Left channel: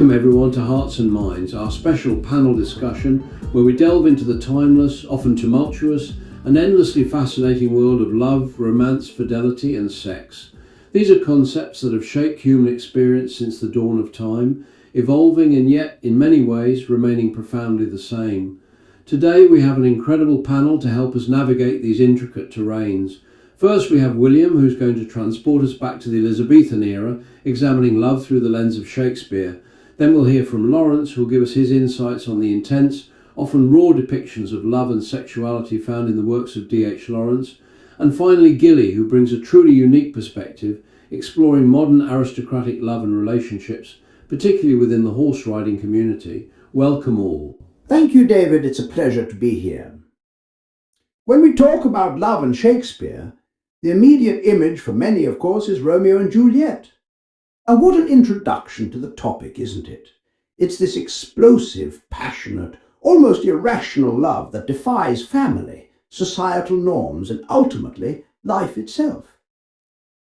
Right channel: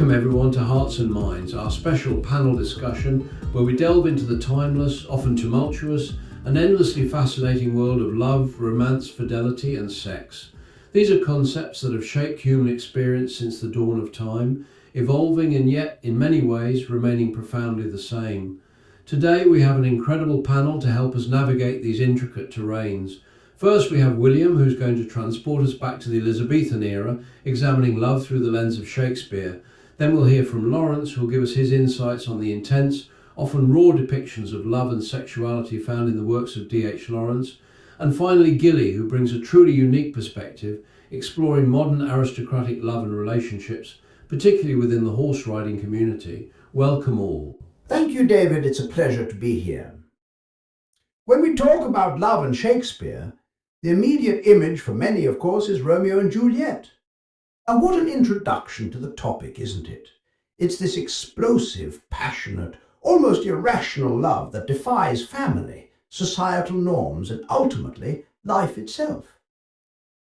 Welcome everyone to Hearts and Minds, our special panel discussion where we delve into the timeless, often tumultuous, and endlessly fascinating world of love, romance, fidelity, and sex. These are concepts that have shaped human experience since the dawn of time, evolving and yet, in many ways, remaining profoundly the same. Today we have an incredible panel to help us navigate these intricate terrains. First we have William, who's going to transport us back to the Elizabethan era, examining love through the lens of Shakespeare. Then we'll hear from Lawrence, who'll give us his insights on the intense, often raw depictions of love and sexuality found in the works of D.H. Lawrence. And finally Gilly, who brings a truly unique perspective, exploring modern aristocratic love and relationships, particularly within the horse riding community. Welcome all. Thank you, David. It's a pleasure to be here. When we talk about love and Shakespeare, the immediate image for many, of course, is Romeo and Juliet. And what an introduction to the topic, isn't it? It's this explosive, passionate, almost irrational love that defies family, societal norms, and ultimately life itself.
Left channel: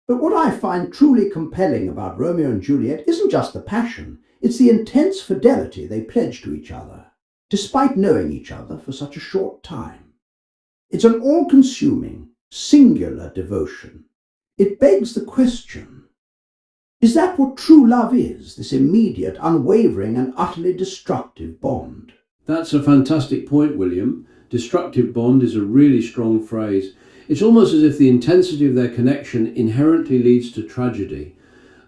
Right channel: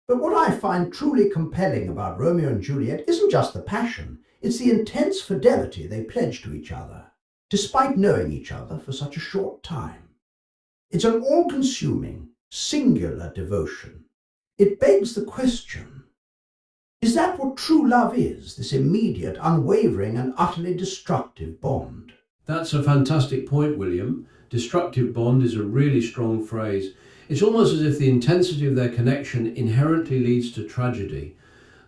But what I find truly compelling about Romeo and Juliet isn't just the passion, it's the intense fidelity they pledge to each other, despite knowing each other for such a short time. It's an all-consuming, singular devotion. It begs the question, is that what true love is, this immediate, unwavering, and utterly destructive bond? That's a fantastic point, William. Destructive bond is a really strong phrase. It's almost as if the intensity of their connection inherently leads to tragedy.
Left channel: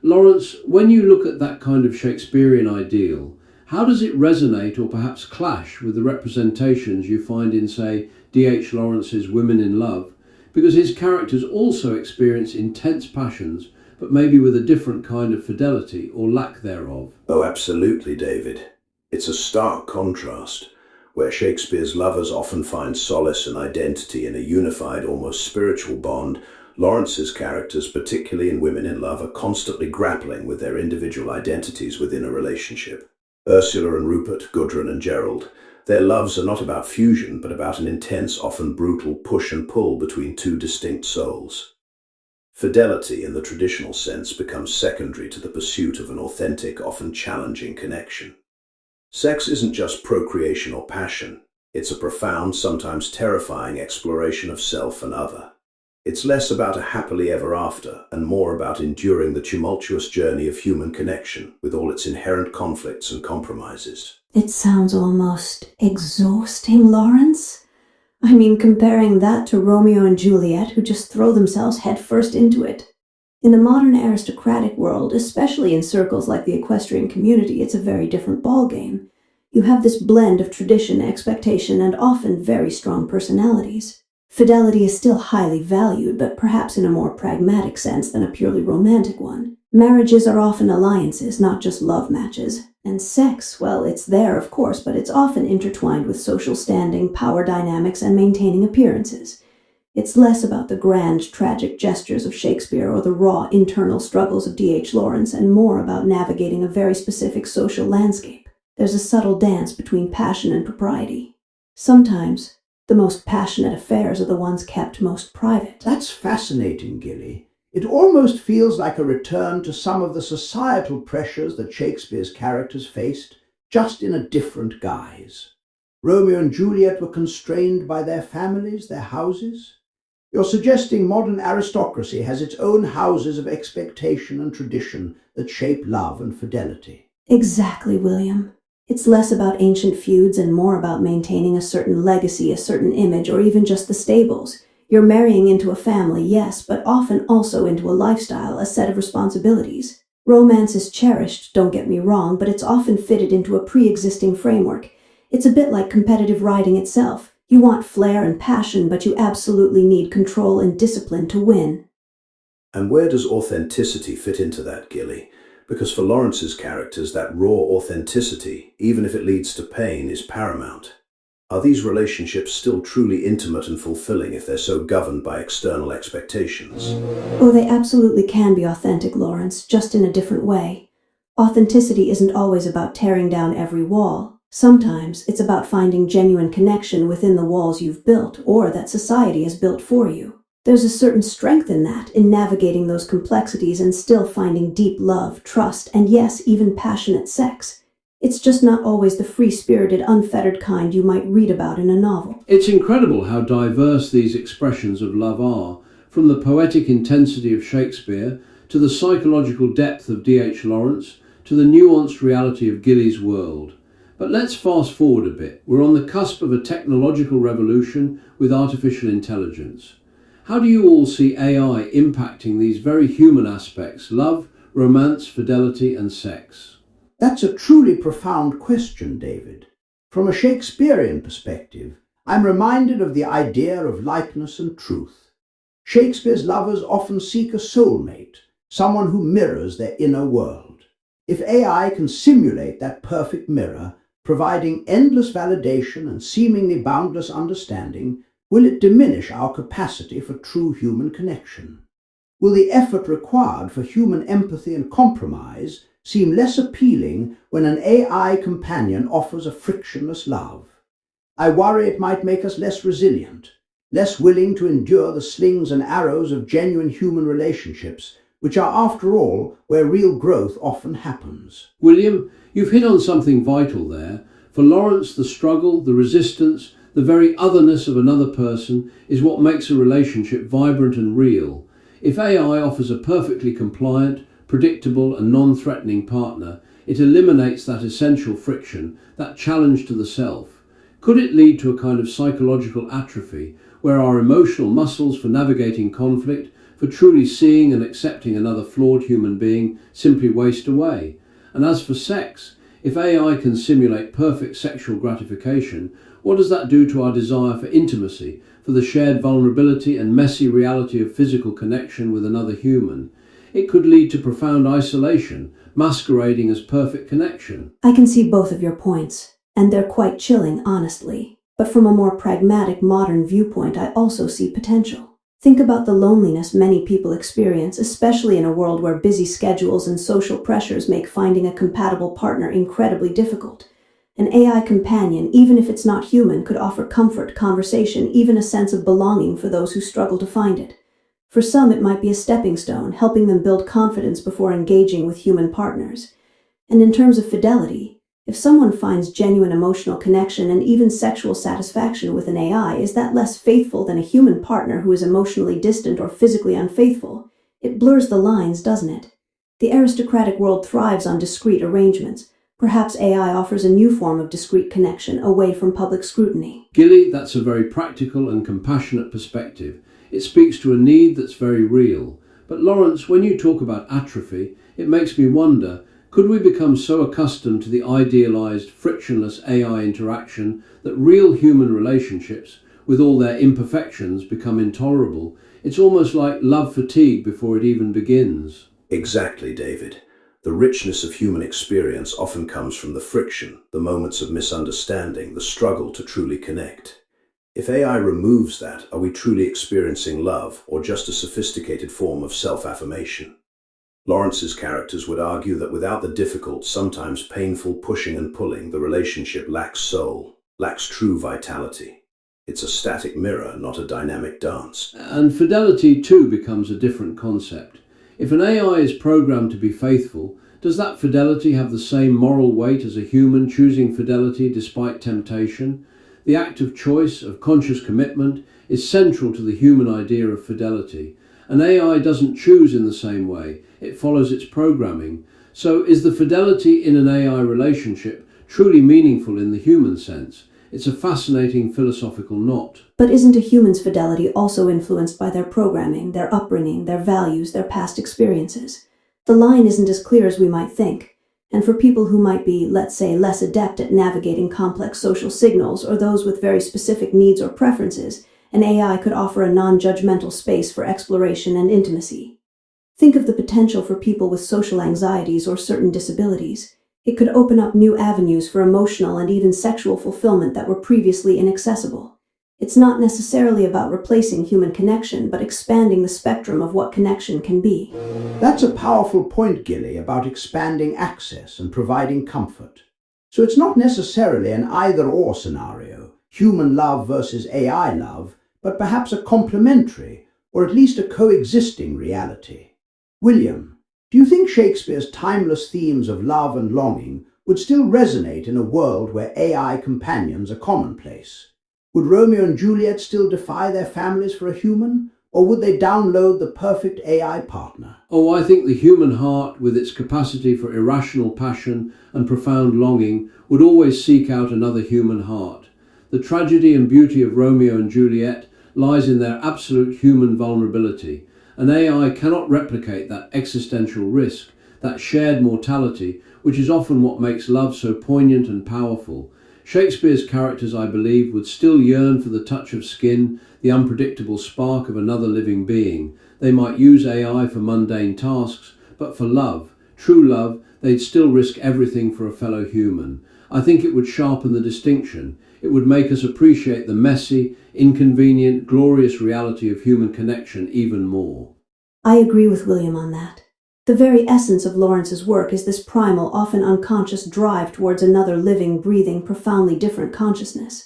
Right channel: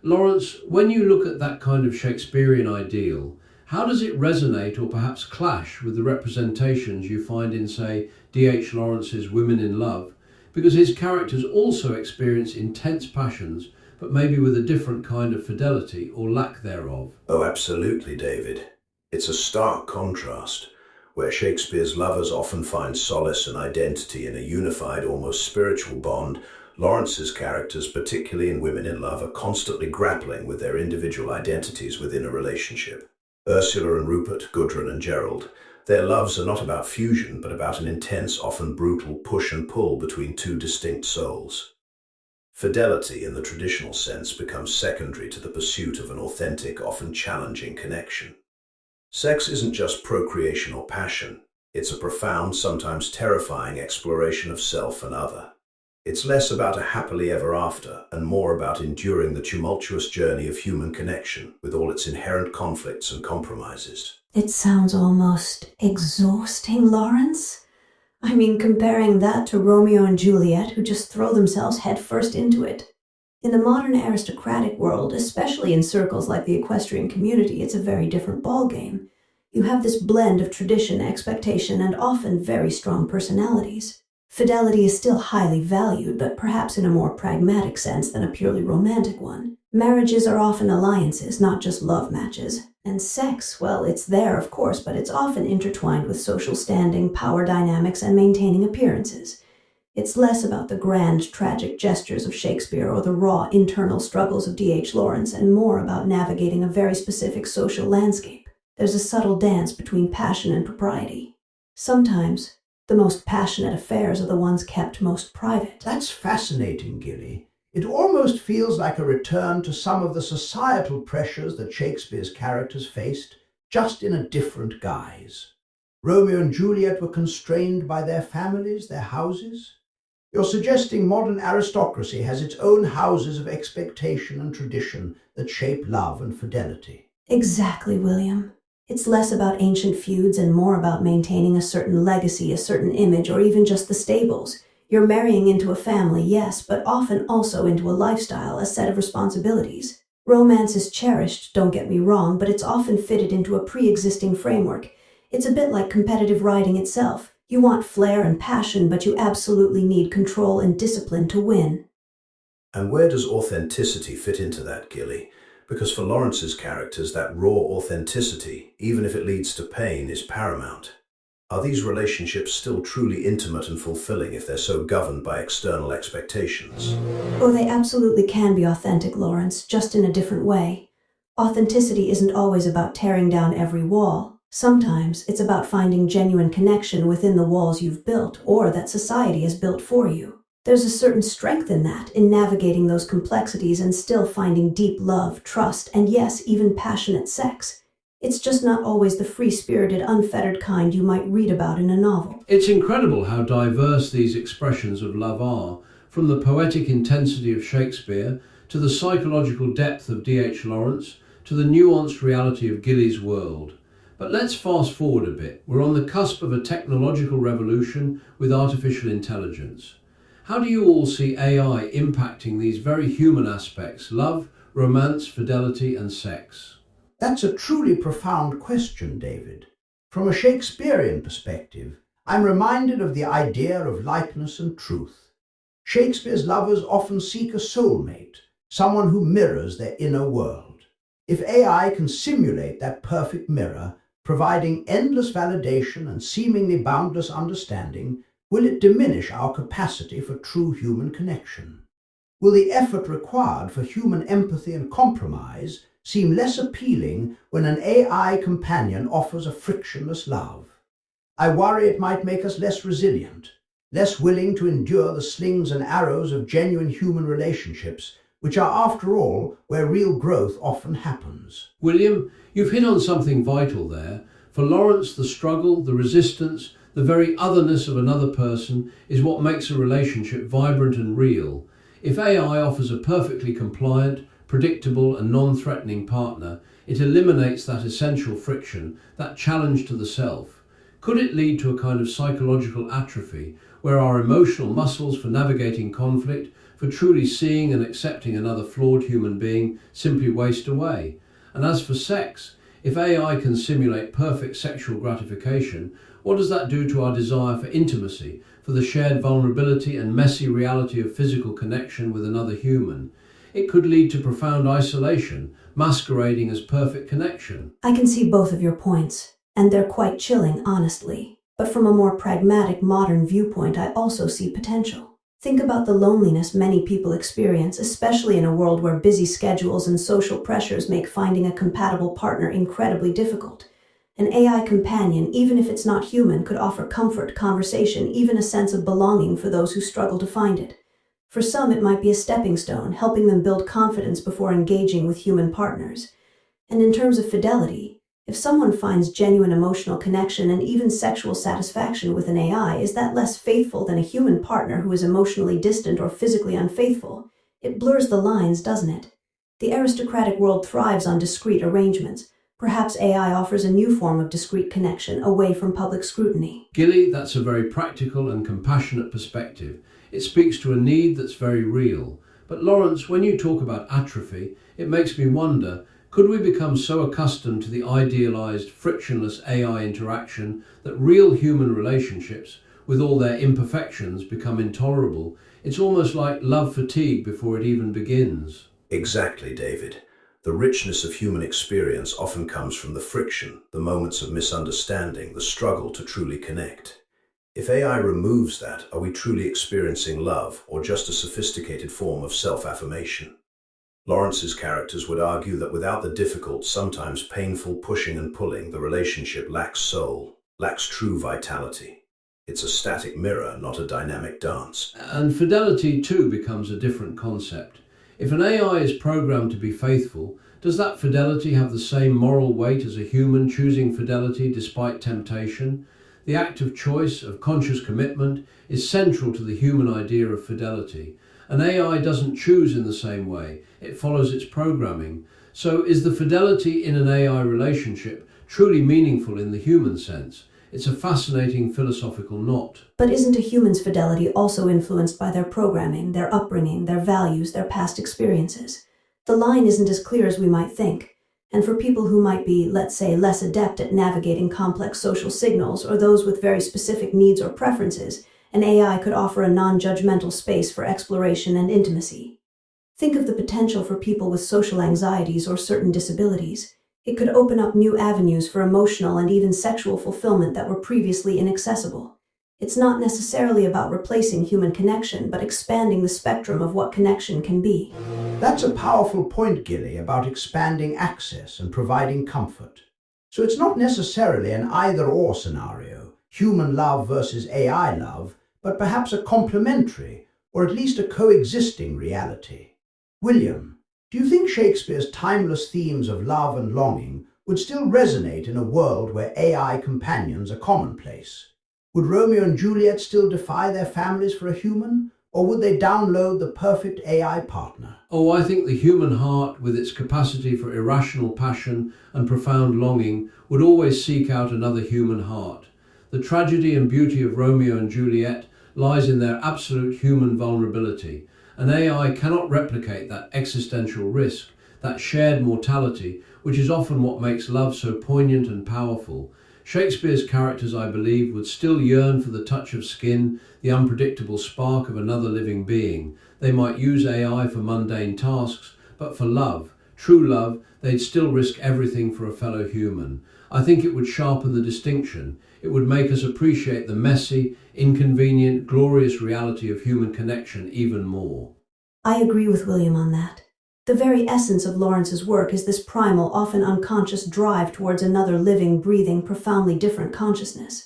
Lawrence, when you look at that kind of Shakespearean ideal, how does it resonate or perhaps clash with the representations you find in, say, D.H. Lawrence's Women in Love? Because his characters also experience intense passions, but maybe with a different kind of fidelity or lack thereof. Oh, absolutely, David. It's a stark contrast. Where Shakespeare's lovers often find solace and identity in a unified, almost spiritual bond, Lawrence's characters, particularly in Women in Love, are constantly grappling with their individual identities within a relationship. Ursula and Rupert, Gudrun and Gerald, their loves are not about fusion, but about an intense, often brutal push and pull between two distinct souls. Fidelity, in the traditional sense, becomes secondary to the pursuit of an authentic, often challenging connection. Sex isn't just procreation or passion. It's a profound, sometimes terrifying exploration of self and other. It's less about a happily ever after and more about enduring the tumultuous journey of human connection with all its inherent conflicts and compromises. It sounds almost exhausting, Lawrence. I mean, comparing that to Romeo and Juliet, who just throw themselves headfirst into it. In the modern aristocratic world, especially in circles like the equestrian community, it's a very different ballgame. You have this blend of tradition, expectation, and often very strong personalities. Fidelity is still highly valued, but perhaps in a more pragmatic sense than a purely romantic one. Marriages are often alliances, not just love matches. And sex, well, it's there, of course, but it's often intertwined with social standing, power dynamics, and maintaining appearances. It's less about the grand, tragic gestures of Shakespeare or the raw, internal struggles of D.H. Lawrence, and more about navigating a very specific social landscape. There's a subtle dance between passion and propriety. Sometimes, the most passionate affairs are the ones kept most private. That's fascinating, Gilly. It almost feels like a return to some of the societal pressures that Shakespeare's characters faced, just in a different guise. Romeo and Juliet were constrained by their families, their houses. You're suggesting modern aristocracy has its own houses of expectation and tradition that shape love and fidelity. Exactly, William. It's less about ancient feuds and more about maintaining a certain legacy, a certain image, or even just the stables. You're marrying into a family, yes, but often also into a lifestyle, a set of responsibilities. Romance is cherished, don't get me wrong, but it's often fitted into a pre-existing framework. It's a bit like competitive riding itself. You want flair and passion, but you absolutely need control and discipline to win. And where does authenticity fit into that, Gilly? Because for Lawrence's characters, that raw authenticity, even if it leads to pain, is paramount. Are these relationships still truly intimate and fulfilling if they're so governed by external expectations? Oh, they absolutely can be authentic, Lawrence, just in a different way. Authenticity isn't always about tearing down every wall. Sometimes it's about finding genuine connection within the walls you've built or that society has built for you. There's a certain strength in that, in navigating those complexities and still finding deep love, trust, and yes, even passionate sex. It's just not always the free-spirited, unfettered kind you might read about in a novel. It's incredible how diverse these expressions of love are, from the poetic intensity of Shakespeare to the psychological depth of D.H. Lawrence to the nuanced reality of Gilly's world. But let's fast forward a bit. We're on the cusp of a technological revolution with artificial intelligence. How do you all see AI impacting these very human aspects: love, romance, fidelity, and sex? That's a truly profound question, David. From a Shakespearean perspective, I'm reminded of the idea of likeness and truth. Shakespeare's lovers often seek a soulmate, someone who mirrors their inner world. If AI can simulate that perfect mirror, providing endless validation and seemingly boundless understanding, will it diminish our capacity for true human connection? Will the effort required for human empathy and compromise seem less appealing when an AI companion offers a frictionless love? I worry it might make us less resilient, less willing to endure the slings and arrows of genuine human relationships, which are, after all, where real growth often happens. William, you've hit on something vital there. For Lawrence, the struggle, the resistance, the very otherness of another person is what makes a relationship vibrant and real. If AI offers a perfectly compliant, predictable and non-threatening partner, it eliminates that essential friction, that challenge to the self. Could it lead to a kind of psychological atrophy, where our emotional muscles for navigating conflict, for truly seeing and accepting another flawed human being, simply waste away? And as for sex, if AI can simulate perfect sexual gratification, what does that do to our desire for intimacy, for the shared vulnerability and messy reality of physical connection with another human? It could lead to profound isolation, masquerading as perfect connection. I can see both of your points, and they're quite chilling, honestly. But from a more pragmatic, modern viewpoint, I also see potential. Think about the loneliness many people experience, especially in a world where busy schedules and social pressures make finding a compatible partner incredibly difficult. An AI companion, even if it's not human, could offer comfort, conversation, even a sense of belonging for those who struggle to find it. For some, it might be a stepping stone, helping them build confidence before engaging with human partners. And in terms of fidelity, if someone finds genuine emotional connection and even sexual satisfaction with an AI, is that less faithful than a human partner who is emotionally distant or physically unfaithful? It blurs the lines, doesn't it? The aristocratic world thrives on discrete arrangements. Perhaps AI offers a new form of discrete connection away from public scrutiny. Gilly, that's a very practical and compassionate perspective. It speaks to a need that's very real. But Lawrence, when you talk about atrophy, it makes me wonder, could we become so accustomed to the idealized, frictionless AI interaction that real human relationships, with all their imperfections, become intolerable? It's almost like love fatigue before it even begins. Exactly, David. The richness of human experience often comes from the friction, the moments of misunderstanding, the struggle to truly connect. If AI removes that, are we truly experiencing love, or just a sophisticated form of self-affirmation? Lawrence's characters would argue that without the difficult, sometimes painful pushing and pulling, the relationship lacks soul, lacks true vitality. It's a static mirror, not a dynamic dance. And fidelity too becomes a different concept. If an AI is programmed to be faithful, does that fidelity have the same moral weight as a human choosing fidelity despite temptation? The act of choice, of conscious commitment, is central to the human idea of fidelity. An AI doesn't choose in the same way, it follows its programming. So is the fidelity in an AI relationship truly meaningful in the human sense? It's a fascinating philosophical knot. But isn't a human's fidelity also influenced by their programming, their upbringing, their values, their past experiences? The line isn't as clear as we might think. And for people who might be, let's say, less adept at navigating complex social signals, or those with very specific needs or preferences, an AI could offer a non-judgmental space for exploration and intimacy. Think of the potential for people with social anxieties or certain disabilities. It could open up new avenues for emotional and even sexual fulfillment that were previously inaccessible. It's not necessarily about replacing human connection, but expanding the spectrum of what connection can be. That's a powerful point, Gilly, about expanding access and providing comfort. So it's not necessarily an either-or scenario, human love versus AI love, but perhaps a complementary, or at least a coexisting reality. William, do you think Shakespeare's timeless themes of love and longing would still resonate in a world where AI companions are commonplace? Would Romeo and Juliet still defy their families for a human, or would they download the perfect AI partner? Oh, I think the human heart, with its capacity for irrational passion and profound longing, would always seek out another human heart. The tragedy and beauty of Romeo and Juliet lies in their absolute human vulnerability. An AI cannot replicate that existential risk, that shared mortality, which is often what makes love so poignant and powerful. Shakespeare's characters, I believe, would still yearn for the touch of skin, the unpredictable spark of another living being. They might use AI for mundane tasks, but for love, true love, they'd still risk everything for a fellow human. I think it would sharpen the distinction. It would make us appreciate the messy, inconvenient, glorious reality of human connection even more. I agree with William on that. The very essence of Lawrence's work is this primal, often unconscious drive towards another living, breathing, profoundly different consciousness.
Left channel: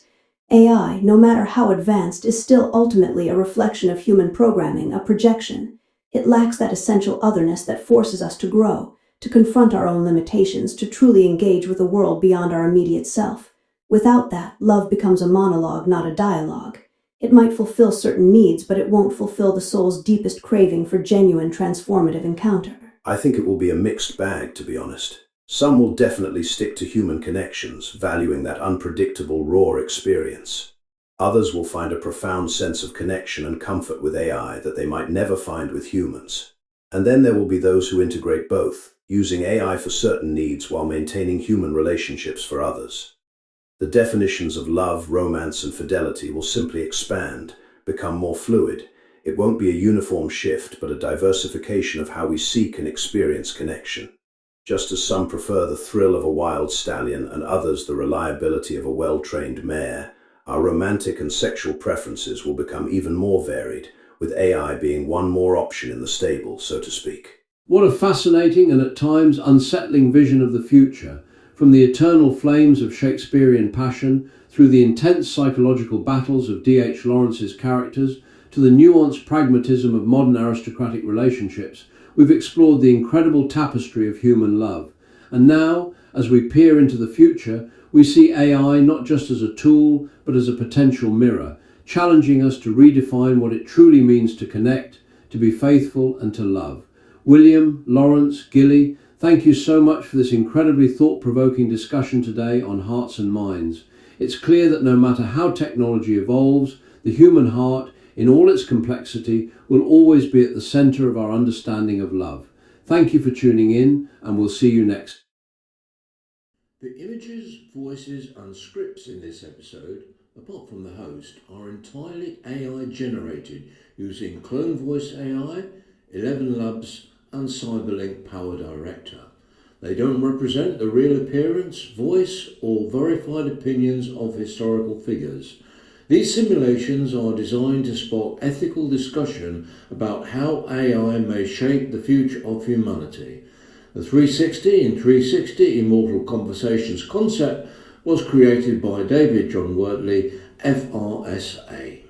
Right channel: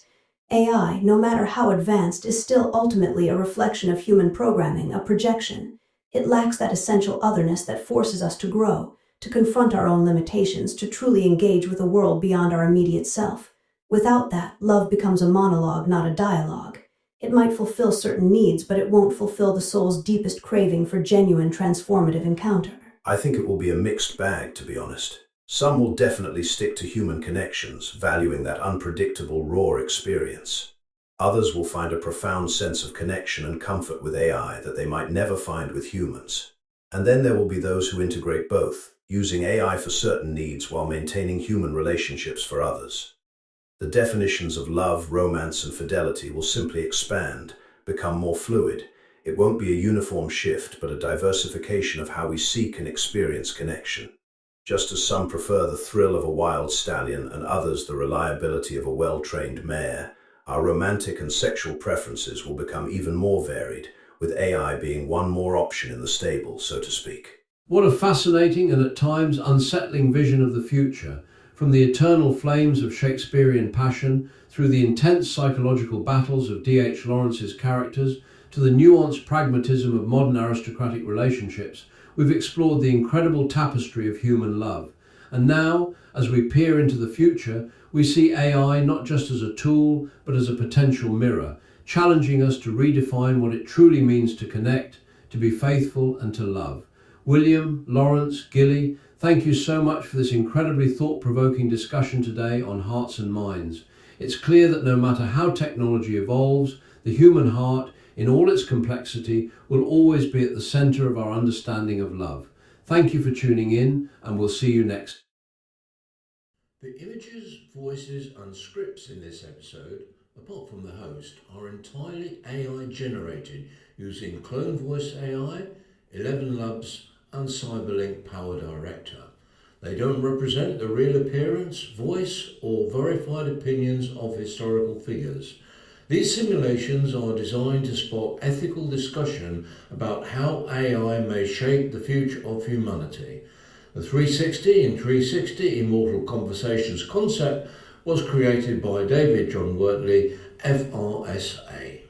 AI, no matter how advanced, is still ultimately a reflection of human programming, a projection. It lacks that essential otherness that forces us to grow, to confront our own limitations, to truly engage with a world beyond our immediate self. Without that, love becomes a monologue, not a dialogue. It might fulfill certain needs, but it won't fulfill the soul's deepest craving for genuine transformative encounter. I think it will be a mixed bag, to be honest. Some will definitely stick to human connections, valuing that unpredictable, raw experience. Others will find a profound sense of connection and comfort with AI that they might never find with humans. And then there will be those who integrate both, using AI for certain needs while maintaining human relationships for others. The definitions of love, romance, and fidelity will simply expand, become more fluid. It won't be a uniform shift, but a diversification of how we seek and experience connection. Just as some prefer the thrill of a wild stallion and others the reliability of a well-trained mare, our romantic and sexual preferences will become even more varied, with AI being one more option in the stable, so to speak. What a fascinating and at times unsettling vision of the future. From the eternal flames of Shakespearean passion, through the intense psychological battles of D.H. Lawrence's characters, to the nuanced pragmatism of modern aristocratic relationships, we've explored the incredible tapestry of human love. And now, as we peer into the future, we see AI not just as a tool, but as a potential mirror, challenging us to redefine what it truly means to connect, to be faithful, and to love. William, Lawrence, Gilly, thank you so much for this incredibly thought-provoking discussion today on Hearts and Minds. It's clear that no matter how technology evolves, the human heart, in all its complexity, will always be at the center of our understanding of love. Thank you for tuning in, and we'll see you next. The images, voices, and scripts in this episode, apart from the host, are entirely AI generated using Clone Voice AI, 11 Labs, and Cyberlink Power Director. They don't represent the real appearance, voice, or verified opinions of historical figures. These simulations are designed to spark ethical discussion about how AI may shape the future of humanity. The 360 in 360 Immortal Conversations concept was created by David John Wortley, FRSA.